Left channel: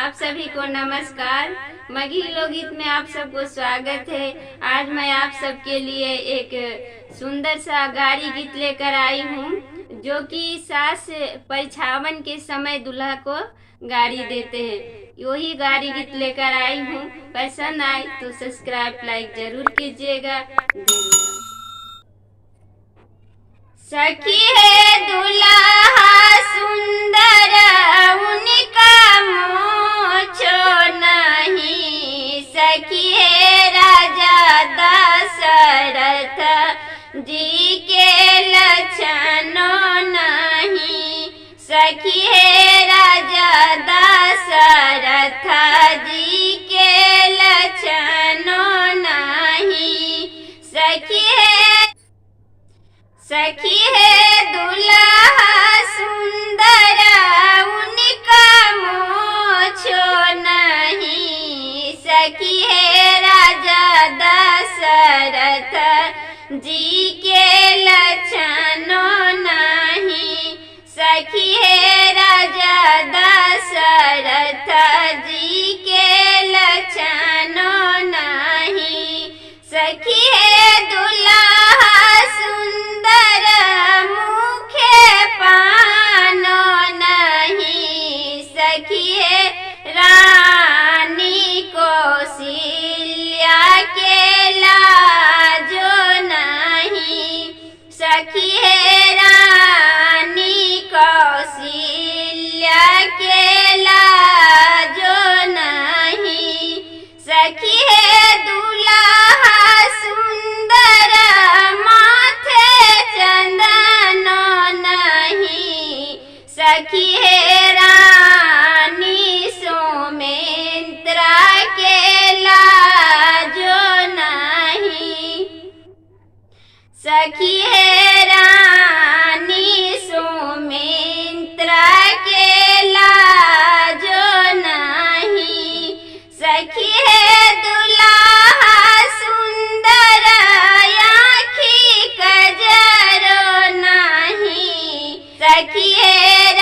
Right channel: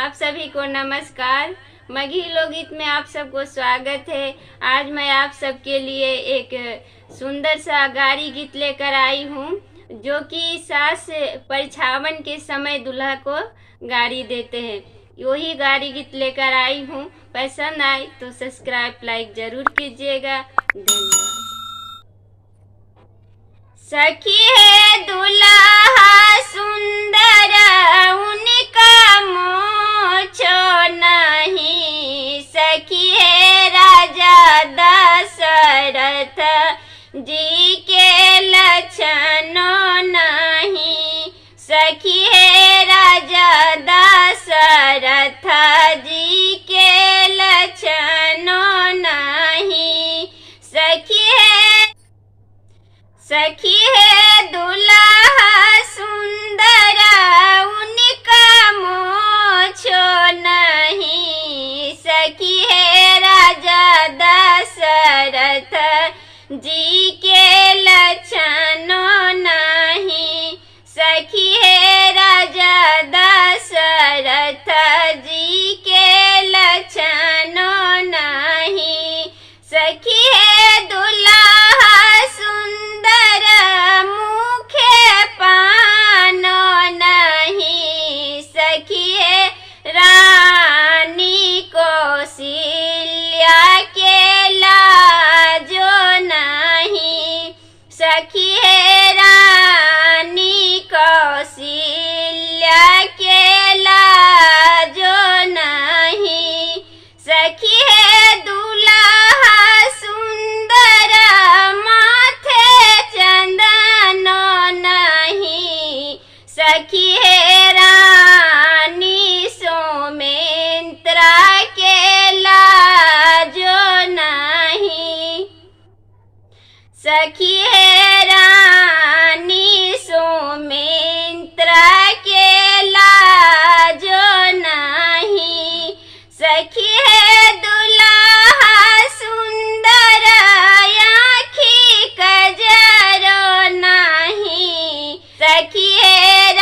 आप सभी को नमस्कार। मगही लोकगीत में आप सबको स्वागत है। आज मैं आप सबके लिए एक सुंदर सा गाड़ी गीत लेकर आई हूँ, जो कि सास परिछावन के समय दूल्हा को गाड़ी देते हैं। वही गाड़ी गीत लेकर आई हूँ। पसंद आए तो सब्सक्राइब लाइक जरूर कीजिएगा। धन्यवाद। सखी है दूल्हा सुंदर, उनका मोछो नहीं। सखी है राजा दशरथ जी के लक्षणों नहीं। सखी है राजा दशरथ जी के लक्षणों नहीं। सखी है दूल्हा सुंदर, उनका मोछो नहीं। सखी है राजा दशरथ जी के लक्षणों नहीं। सखी है राजा दशरथ जी के लक्षणों नहीं। सखी है दूल्हा सुंदर, मुखे पानो नहीं। सखी है रानी कौशल्या के लाजो नहीं। सखी है रानी कौशल्या के लाजो नहीं। सखी है दूल्हा सुंदर, माथे चंदनो नहीं। सखी है रानी सोमेंद्रा के लाजो नहीं। सखी है रानी सोमेंद्रा के लाजो नहीं। सखी है दूल्हा सुंदर, आँखी कजरो नहीं। सखी है